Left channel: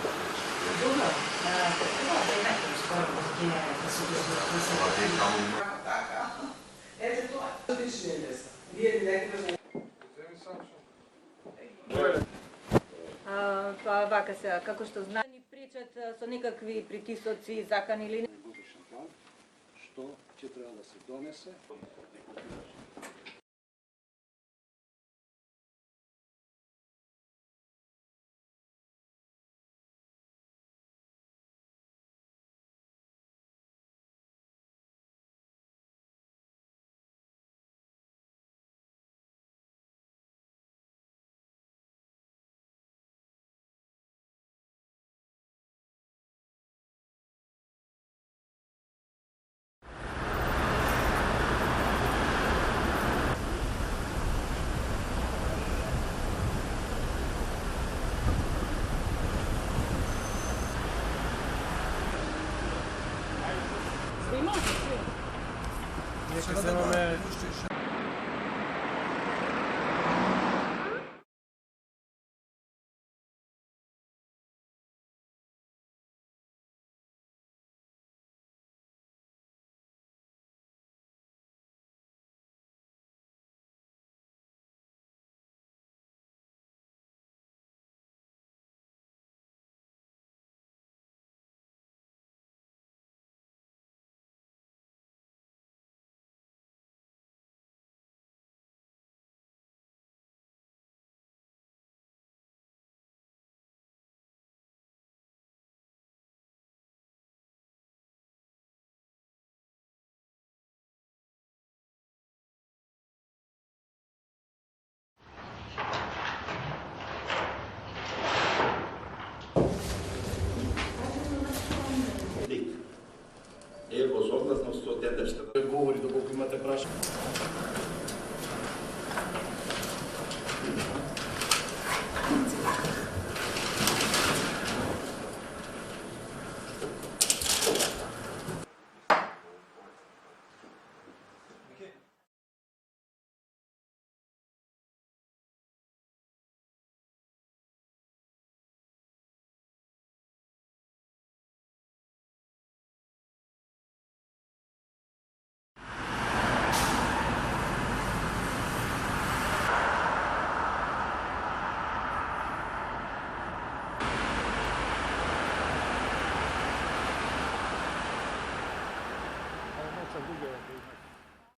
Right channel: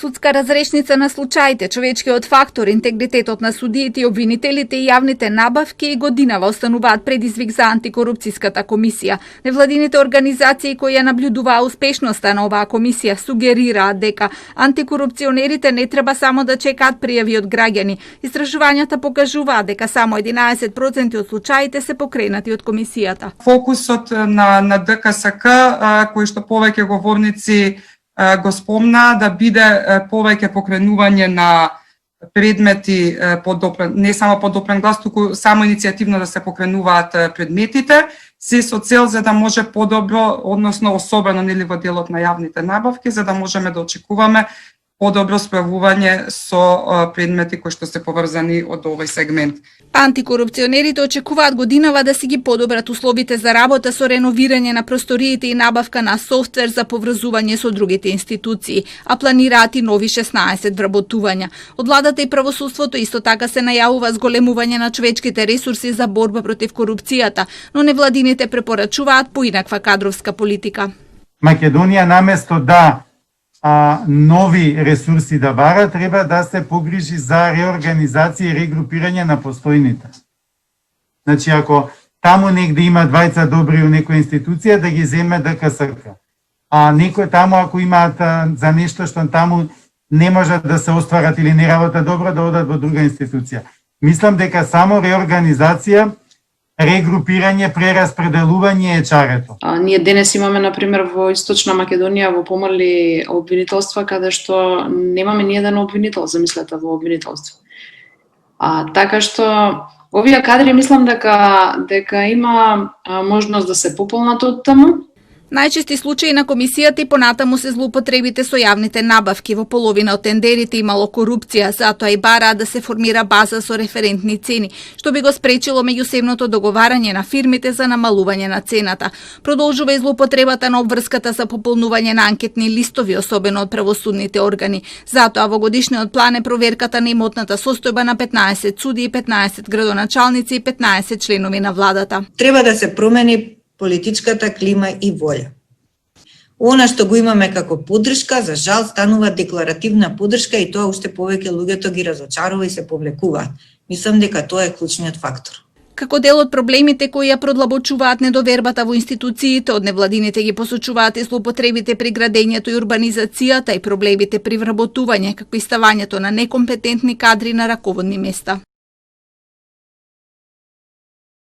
Судска разрешница на случаите, човечкиот фактор, интегритетот на судиите и обвинителите и јавните набавки и годинава остануваат предизвик за антикорупцијската комисија. Невладините организации кои ја наблюдуваа успешноста на оваа комисија сугерираат дека антикорупционерите не треба само да чекаат пријави од граѓани. Истражувањата покажуваат дека само 11% од случаите се покренати од комисијата. Фокусот на ДКСК, кој што повеќе говорници го спомна, да биде повеќе покренување на предмети не само под допрен глас, туку само иницијативно да се покренуваат предметите, се со цел за да може подобро, односно особено нели во делот на јавните набавки, за да можеме да очекуваме подобро справување со предмети кои што се поврзани од овој сегмент. Антикорупционерите очекуваат годинава да си ги подобрат условите за работа со реновирање на просториите и набавка на софтвер за поврзување со другите институции, а планираат и нови 16 вработувања. Од владата и правосудството исто така се најавува зголемување на човечките ресурси за борба против корупцијата, но невладините препорачуваат поинаква кадровска политика. Македонија наместо да нови ресурси да бара, треба да се погрижи за реорганизација и регрупирање на постојните. Значи, ако таму негде има двајца добри у некоја институција, да ги земе ДКСК. А некој таму, ако имаат за нешто што таму не можат да се остварат или не работат добро, да одат во друга институција. Мислам дека само реорганизација, регрупирање, прераспределување е чарето. Ние денес имаме, например, во Источна Македонија во помали обвинителства, каде што немаме ни еден обвинител, замислете, во обвинителство. Така што овие кадри мислам дека има можност да се пополнат од таму. Најчести случаи на комисијата и понатаму се злоупотребите со јавните набавки. Во половина од тендерите имало корупција, затоа и бараат да се формира база со референтни цени, што би го спречило меѓусебното договарање на фирмите за намалување на цената. Продолжува и злоупотребата на обврската за пополнување на анкетни листови, особено од правосудните органи. Затоа во годишниот план е проверката на имотната состојба на 15 суди, 15 градоначалници и 15 членови на владата. Треба да се промени политичката клима и волја. Она што го имаме како поддршка, за жал, станува декларативна поддршка и тоа уште повеќе луѓето ги разочарува и се повлекуваат. Мислам дека тоа е клучниот фактор. Како дел од проблемите кои ја продлабочуваат недовербата во институциите, од невладините ги посочуваат и злоупотребите при градењето и урбанизацијата и проблемите при вработување, како и ставањето на некомпетентни кадри на раководни места.